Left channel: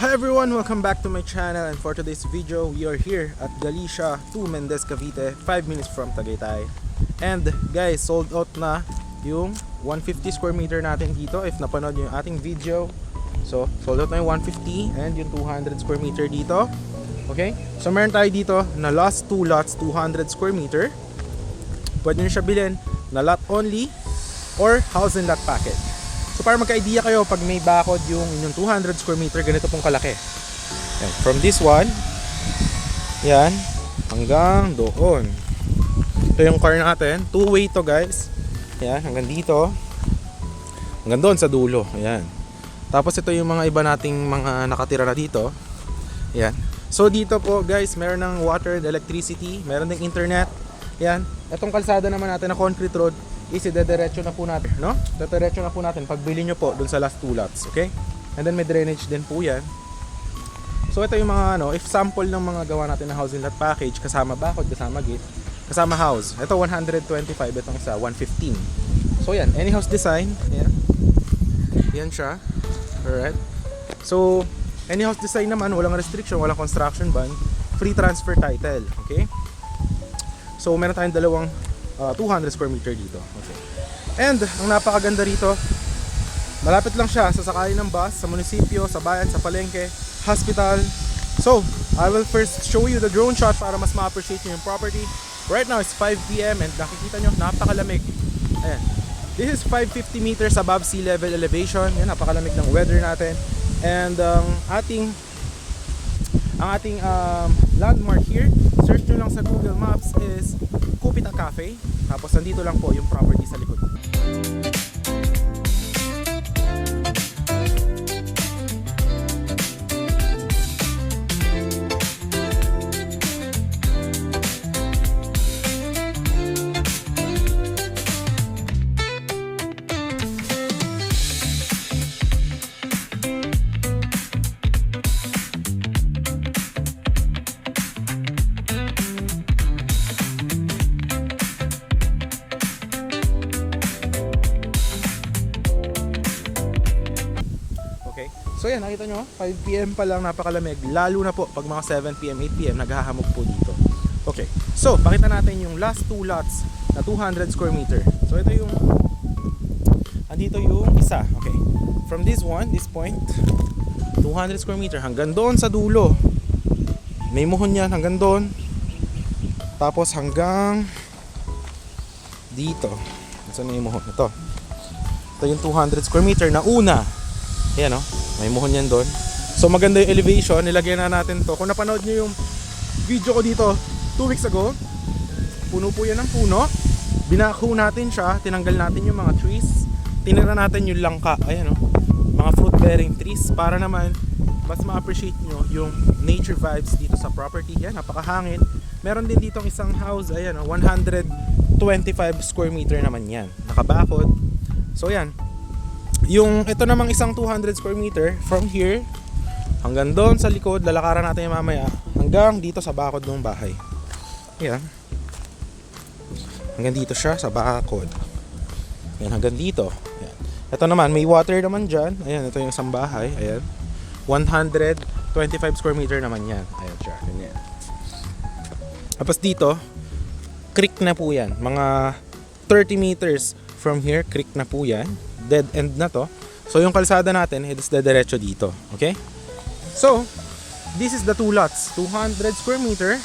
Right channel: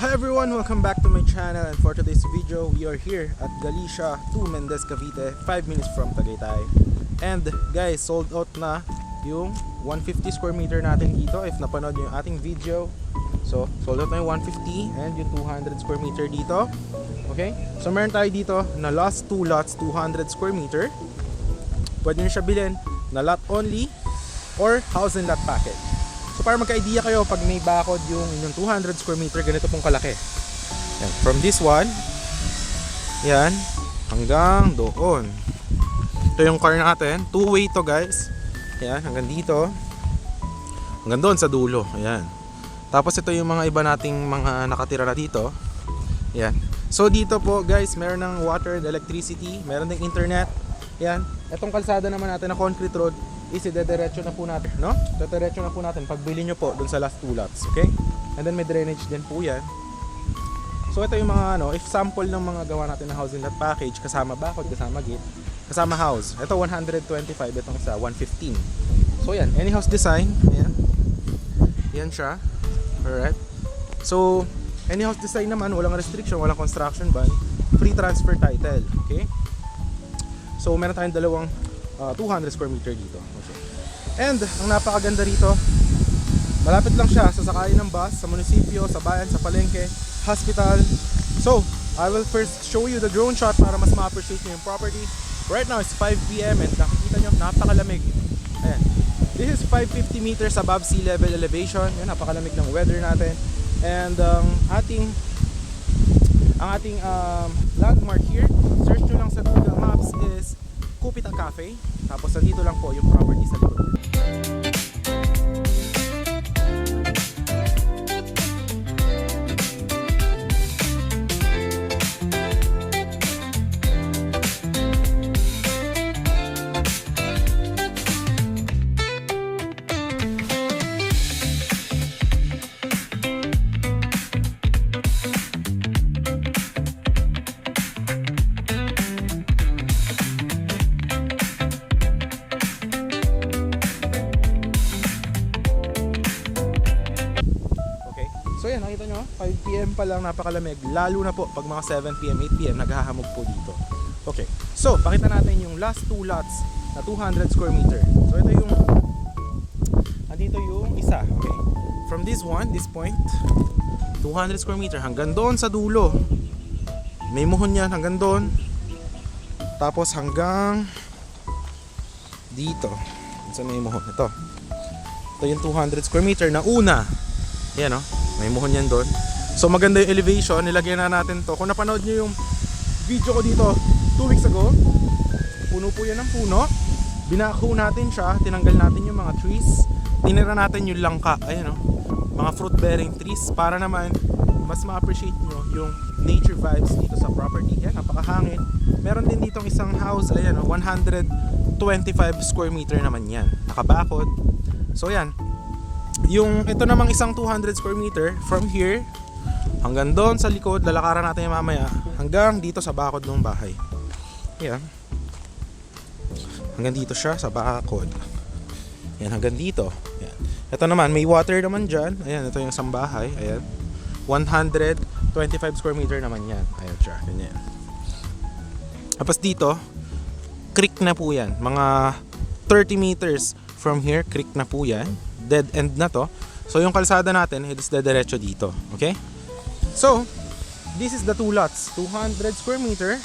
Hi everyone, welcome back to my channel, and for today's video, we are here at Galicia 2 Mendez, Cavite, 5 minutes from Tagaytay. And guys, sold out na yung 150 square meter natin dito. If napanood nyo yung ating video, so sold out na yung 150 and yung 200 square meter dito. Okay, so meron tayo dito na last 2 lots, 200 square meter. Pwede nyo siya bilhin na lot only or house and lot package. So para magka-idea kayo, pag may bakod yung inyong 200 square meter, ganito pong kalaki. Yan. From this one, yan, hanggang doon. Ito yung car natin. Two-way to guys. Yan, hanggang dito. Hanggang doon sa dulo. Ayan. Tapos ito yung mga iba nating mga nakatira na dito. Yan. So dito po guys, meron ng water and electricity. Meron ng internet. Yan. Itong kalsada naman natin na concrete road, isi-dediretso na po natin, no? Dediretso na po natin pagbili nyo po dun sa last 2 lots, okay? And then may drainage din po yan. So ito yung mga if sample ng mga gawa natin na housing lot package, kasama bakod, kasama gate, kasama house. Ito 125, itong isa 115. So yan, any house design, yan. Yan siya. Alright. So any house design naman, walang restriction, walang construction ban, free transfer title, okay? So meron tayong dalawang 200 square meter dito. Okay. And ang napakaganda rito, malapit lang siya sa sakayan ng bus, sa munisipyo, sa bayan, sa palengke, hospital. So, I will first show you the drone shot para mas ma-appreciate nyo yung property. Right now it's 5 PM and nakikita nyo, napakalamig. Ayan. This is 550 meters above sea level elevation. Yan, napakalamig ng weather natin. And ang ating landmark here, search nyo lang sa Google Maps, is Kupita Cafe. Tapos nandito lang po yung property sa likod. So yan, nakita nyo, 5 PM pa lang, napakalamig. Lalo na po pag mga 7 PM, 8 PM, naghahamog po dito. Okay, so pakita natin yung last 2 lots na 200 square meter. So ito yung, andito yung isa. Okay, from this one, this point, 200 square meter hanggang doon sa dulo. May muhon yan hanggang doon. Tapos hanggang dito. Saan may muhon? Ito yung 200 square meter na una. Ayan o, may muhon yan doon. So maganda yung elevation, nilagyan na natin to. Kung napanood nyo yung video ko dito 2 weeks ago, puno po yan ng puno. Binako natin siya, tinanggal natin yung mga trees, tinira natin yung langka, ayan o, mga fruit bearing trees, para naman mas ma-appreciate nyo yung nature vibes dito sa property. Yan, napakahangin. Meron din ditong isang house, ayan o, 125 square meter naman yan, nakabakod. So yan, yung ito namang isang 200 square meter, from here hanggang doon sa likod, lalakaran natin yung mamaya, hanggang dito sa bakod ng bahay. Ayan, hanggang dito siya sa bakod. Ayan, hanggang dito. Ayan. Ito naman, may water naman dyan. Ayan, ito yung isang bahay. Ayan, 125 square meter naman yan. Ayan siya, ganyan. Tapos dito, creek na po yan. Mga 30 meters from here, creek na po yan. Dead end na to. So yung kalsada natin is dediretso dito. Okay? So this is the 2 lots, 200 square meter,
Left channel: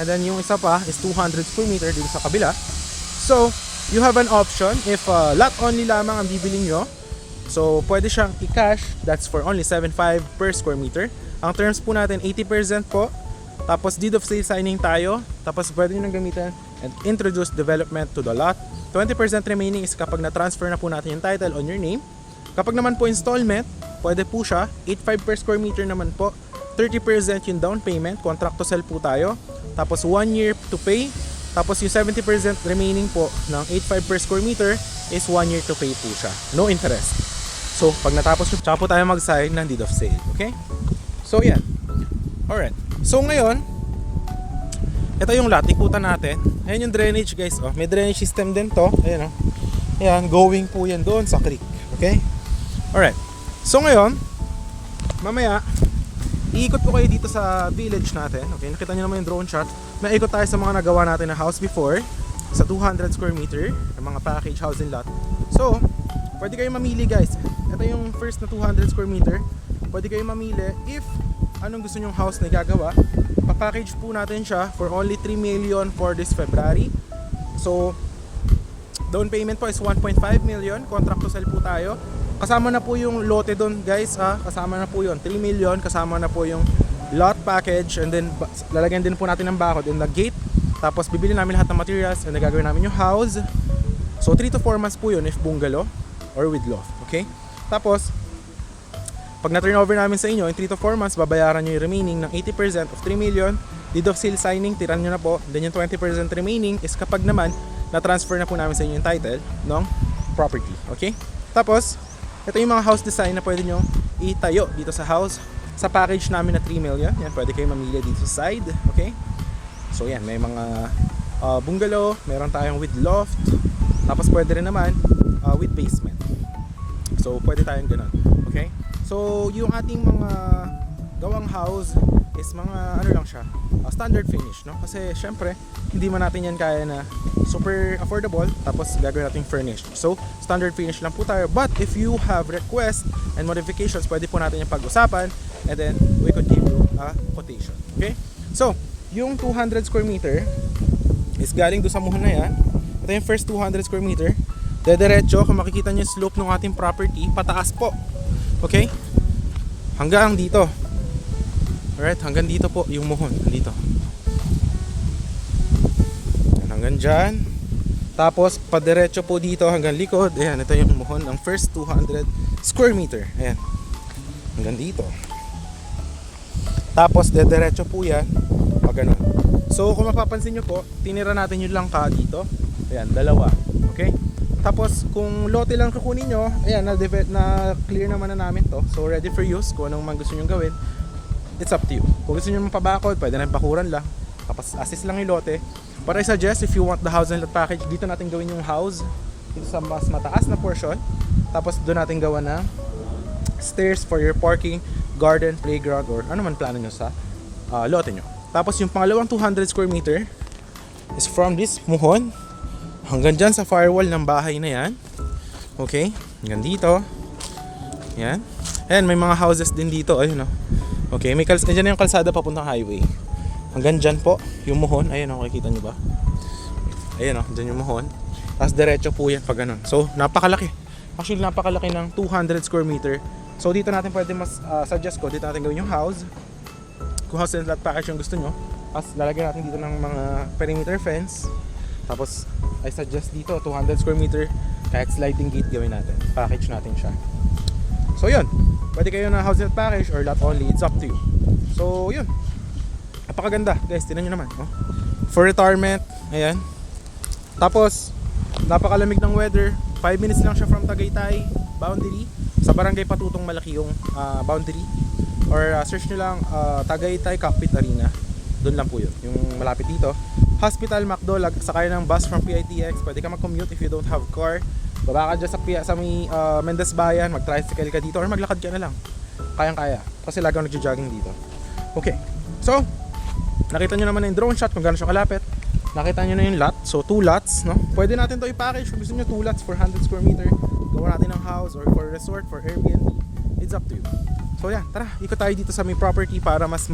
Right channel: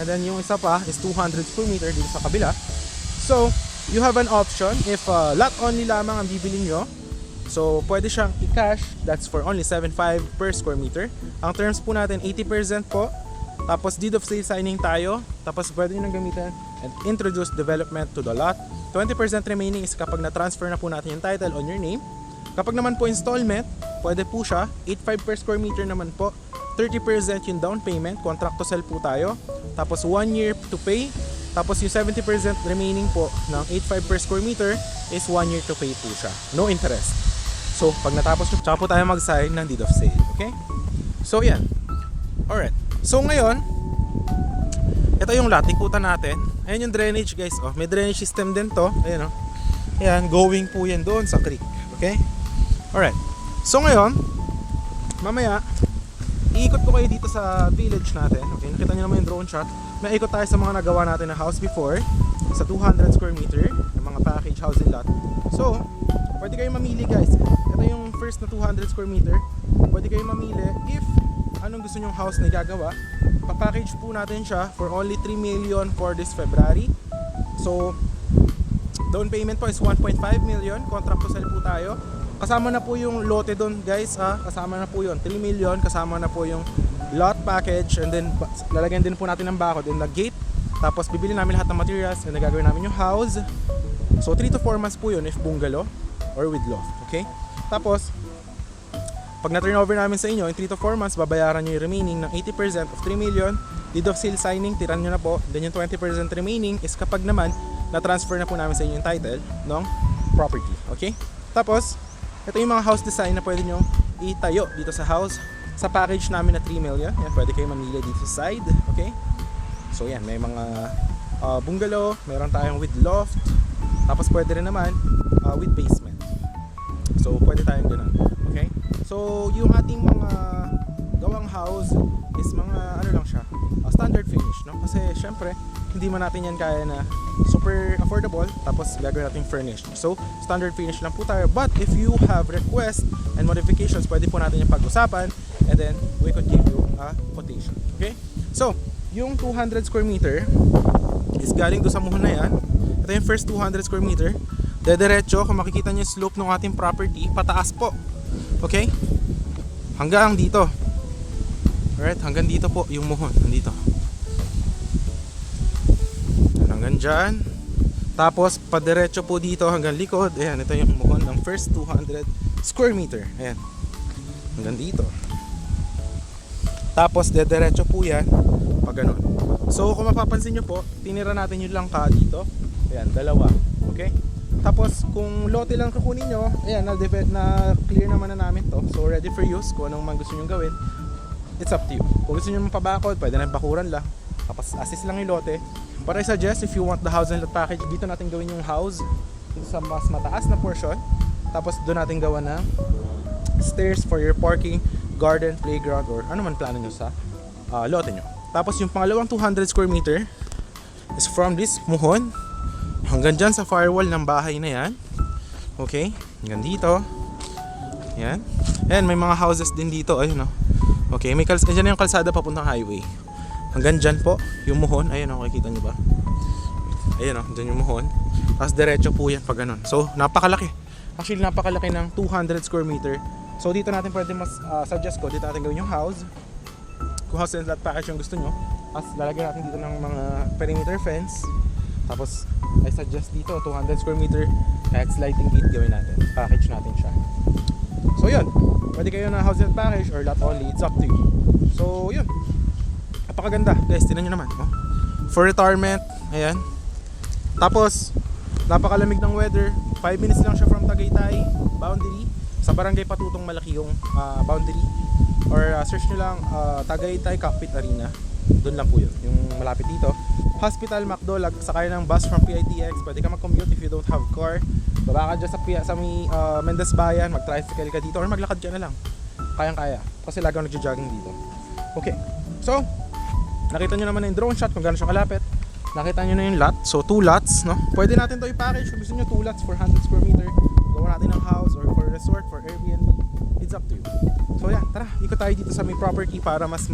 and then yung isa pa is 200 square meter dito sa kabila. So you have an option if lot only lamang ang bibili nyo. So pwede siyang i-cash. That's for only 7.5 per square meter. Ang terms po natin 80% po. Tapos deed of sale signing tayo. Tapos pwede nyo nang gamitin and introduce development to the lot. 20% remaining is kapag na-transfer na po natin yung title on your name. Kapag naman po installment, pwede po siya. 8.5 per square meter naman po. 30% yung down payment. Contract to sell po tayo. Tapos 1 year to pay. Tapos yung 70% remaining po ng 8.5 per square meter is 1 year to pay po siya. No interest. So pag natapos nyo, tsaka po tayo mag-sign ng deed of sale. Okay? So yan. Alright. So ngayon, ito yung lot, ikutan natin. Ayan yung drainage guys, oh. May drainage system din to. Ayan, oh. Ayan, going po yan doon sa creek. Okay? Alright. So ngayon, mamaya iikot ko kayo dito sa village natin. Okay, nakita nyo naman yung drone shot. May ikot tayo sa mga nagawa natin na house before sa 200 square meter ng mga package housing lot. So, pwede kayo mamili guys. Ito yung first na 200 square meter. Pwede kayo mamili if anong gusto nyong house na gagawa. Pa-package po natin siya for only 3 million for this February. So, down payment po is 1.5 million. Contract to sell po tayo. Kasama na po yung lote doon guys, kasama na po yun, 3 million, kasama na po yung lot package, and then lalagyan din po natin ng bakod in the gate. Tapos bibili namin lahat ng materials and gagawin namin yung house. So 3 to 4 months po yun if bungalow or with loft, okay? Tapos pag na-turn over namin sa inyo in 3 to 4 months, babayaran nyo yung remaining ng 80% of 3 million. Deed of sale signing, tiran nyo na po. Then yung 20% remaining is kapag naman na-transfer na po namin sa inyo yung title ng property, okay? Tapos ito yung mga house design na pwede nyo itayo dito sa house. Sa package namin na 3 million, yan, pwede kayo mamili dito sa side, okay? So yan, may mga bungalow, meron tayong with loft, tapos pwede rin naman with basement. So pwede tayong ganun, okay? So yung ating mga gawang house is mga ano lang siya, standard finish, no? Kasi syempre hindi man natin yan kaya na super affordable tapos gagawin natin furnished. So standard finish lang po tayo, but if you have requests and modifications, pwede po natin yung pag-usapan and then we could give you a quotation, okay? So yung 200 square meter is galing doon sa muhon na yan. Ito yung first 200 square meter, dediretso. Kung makikita nyo yung slope ng ating property, pataas po, okay? Hanggang dito. Alright, hanggang dito po yung muhon, nandito. Hanggang dyan. Tapos, padiretso po dito hanggang likod. Ayan, ito yung muhon ng first 200 square meter. Ayan. Hanggang dito. Tapos, dediretso po yan. Pag ganun. So, kung mapapansin nyo po, tinira natin yung langka dito. Ayan, dalawa. Okay? Tapos, kung lote lang kukunin nyo, ayan, na-clear naman na namin to. So, ready for use. Kung anong man gusto nyo gawin, it's up to you. Kung gusto nyo mapabakod, pwede na bakuran lang. Tapos assist lang yung lote. But I suggest if you want the house and lot package, dito natin gawin yung house dito sa mas mataas na portion. Tapos doon natin gawa na stairs for your parking, garden, playground, or ano man plano nyo sa lote nyo. Tapos yung pangalawang 200 square meter is from this muhon hanggang dyan sa firewall ng bahay na yan. Okay, hanggang dito. Yan. Ayan, may mga houses din dito. Ayun, no? Okay, may dyan na yung kalsada papuntang highway. Hanggang dyan po, yung muhon. Ayun, nakikita nyo ba? Ayun, dyan yung muhon. Tapos diretso po yan pag ganun. So, napakalaki. Actually, napakalaki ng 200 square meter. So, dito natin pwede mas suggest ko, dito natin gawin yung house. Kung house and lot package yung gusto nyo. Tapos, lalagyan natin dito ng mga perimeter fence. Tapos, I suggest dito, 200 square meter. Kahit sliding gate gawin natin. Package natin siya. So, yun. Pwede kayo na house and lot package or lot only. It's up to you. So, yun. Napakaganda guys, tinan nyo naman, oh. For retirement, ayan. Tapos napakalamig ng weather. 5 minutes lang siya from Tagaytay boundary. Sa barangay Patutong malaki yung boundary. Or search nyo lang Tagaytay Cockpit Arena. Doon lang po yun, yung malapit dito. Hospital, McDo, sakay ng bus from PITX. Pwede ka mag-commute if you don't have car. Baba ka dyan sa may Mendez Bayan, mag-tricycle ka dito or maglakad ka na lang. Kayang-kaya, kasi lagi ako nagja-jogging dito. Okay, so nakita nyo naman na yung drone shot kung gano'n siya kalapit. Nakita nyo na yung lot. So 2 lots, no? Pwede natin to i-package kung gusto nyo 2 lots for 100 square meter. Gawa natin ng house or for resort, for Airbnb. It's up to you. So yan, tara, ikot tayo dito sa may property para mas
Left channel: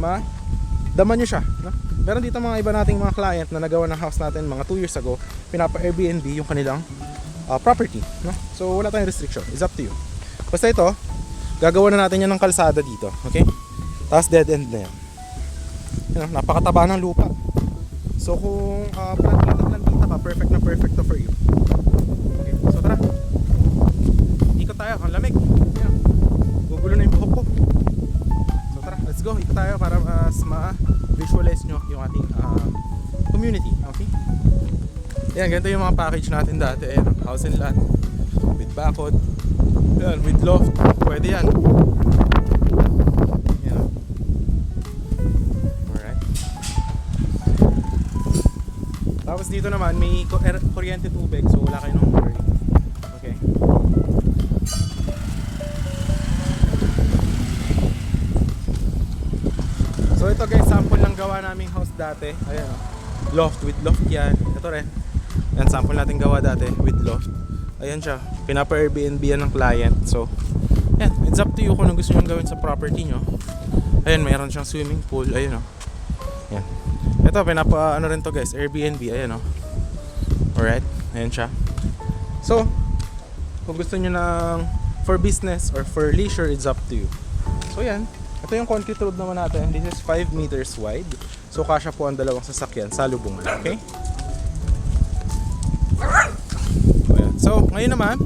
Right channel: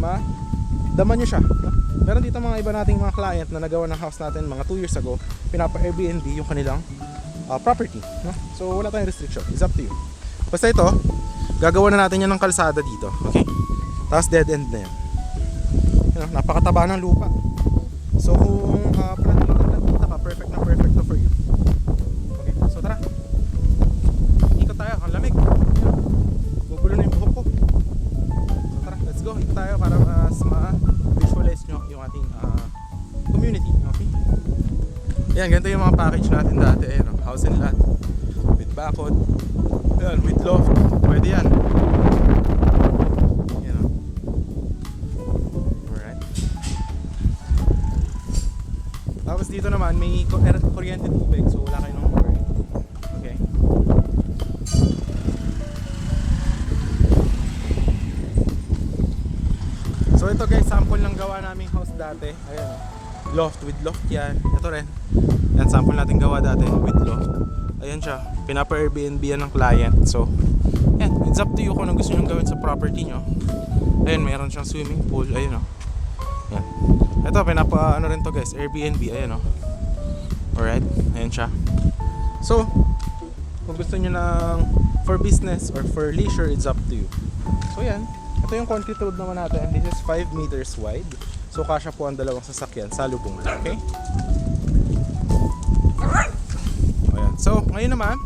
daman nyo siya, no? Meron dito mga iba nating mga client na nagawa ng house natin mga 2 years ago. Pinapa-Airbnb yung kanilang property, no? So wala tayong restriction. It's up to you. Basta ito, gagawa na natin yan ng kalsada dito, okay? Tapos dead end na yan. Napakataba ng lupa. So kung plantita ka, perfect na perfect to for you. Okay, so tara. Ikot tayo, ang lamig. Ayan. Gugulo na yung buhok ko. So tara, let's go. Ikot tayo para mas ma-visualize nyo yung ating community. Okay? Ayan, ganito yung mga package natin dati. Ayan, house and lot with bakod. Ayan, with loft. Pwede yan. Tapos dito naman may kuryente tubig, so wala kayo nang worry. Okay. So ito guys, sample ng gawa naming house dati. Ayan o. Loft, with loft yan. Ito rin. Yan, sample natin gawa dati with loft. Ayan siya. Pinapa-Airbnb yan ng client. So, yan. It's up to you kung anong gusto nyo gawin sa property nyo. Ayan, mayroon siyang swimming pool. Ayan o. Yan. Ito, ano rin to guys, Airbnb. Ayan o. Alright. Ayan siya. So, kung gusto nyo ng for business or for leisure, it's up to you. So yan. Ito yung concrete road naman natin. This is 5 meters wide. So kasya po ang dalawang sasakyan sa lubungan. Okay? So, ayan. So ngayon naman,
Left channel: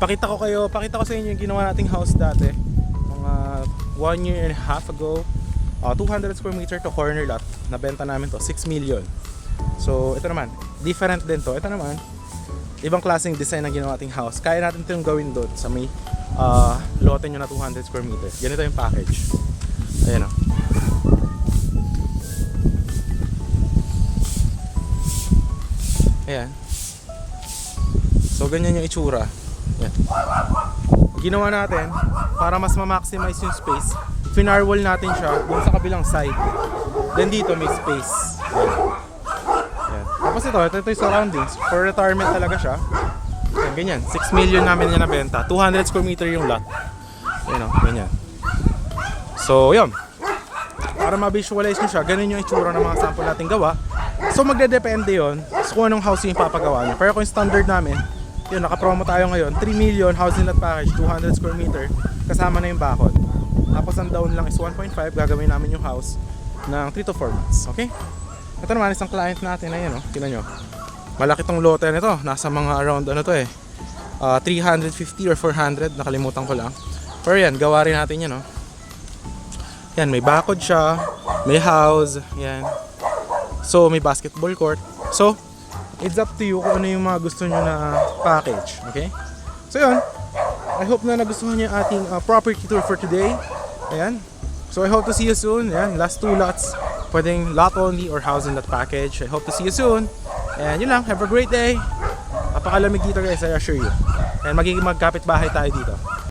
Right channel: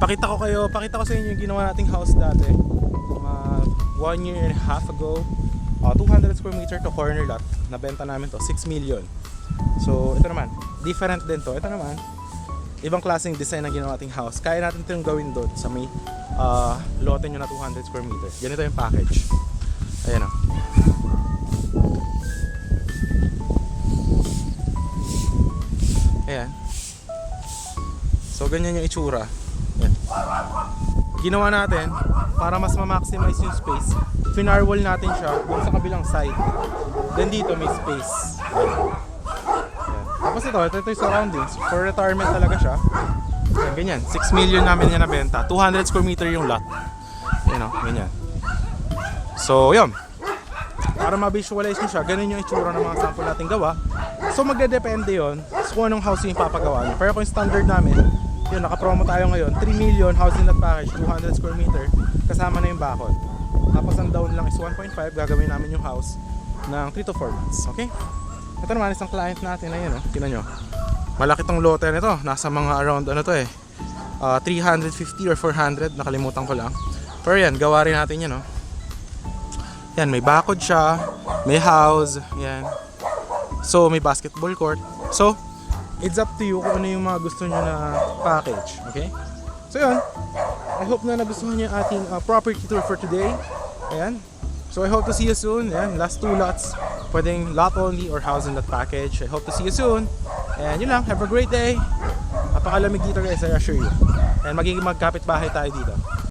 pakita ko sa inyo yung ginawa nating house dati. Mga 1 year and a half ago. 200 square meter to corner lot. Nabenta namin to, 6 million. So ito naman, different din to. Ito naman, ibang klaseng design ang ginawa nating house. Kaya natin ito yung gawin doon sa may lote nyo na 200 square meter. Ganito yung package. Ayan o. Ayan. So ganyan yung itsura. Ayan. Ginawa natin para mas ma-maximize yung space. Finarwall natin siya dun sa kabilang side. Then dito may space. Ayan. Ayan. Tapos ito yung surroundings. For retirement talaga siya. Ayan, ganyan. 6 million namin yan nabenta. 200 square meter yung lot. Ayan o, ganyan. So, yun. Para ma-visualize nyo siya, ganun yung itsura ng mga sample natin gawa. So, magdedepende yun sa kung anong house yung papagawa nyo. Pero kung standard namin, yun, nakapromo tayo ngayon. 3 million, housing lot package, 200 square meter. Kasama na yung bakod. Tapos ang down lang is 1.5. Gagawin namin yung house ng 3 to 4 months. Okay? Ito naman isang client natin. Ayan o, tingnan nyo. Malaki tong lote nito. Nasa mga around ano to 350 or 400. Nakalimutan ko lang. Pero yan, gawa rin natin yan, no? Yan, may bakod siya. May house. Yan. So, may basketball court. So, it's up to you kung ano yung mga gusto nyo na package. Okay? So, yun. I hope na nagustuhan nyo yung ating property tour for today. Ayan. So, I hope to see you soon. Ayan, last 2 lots. Pwedeng lot only or house and lot package. I hope to see you soon. And yun lang. Have a great day. Napakalamig dito guys, I assure you. And magiging magkapit bahay tayo dito.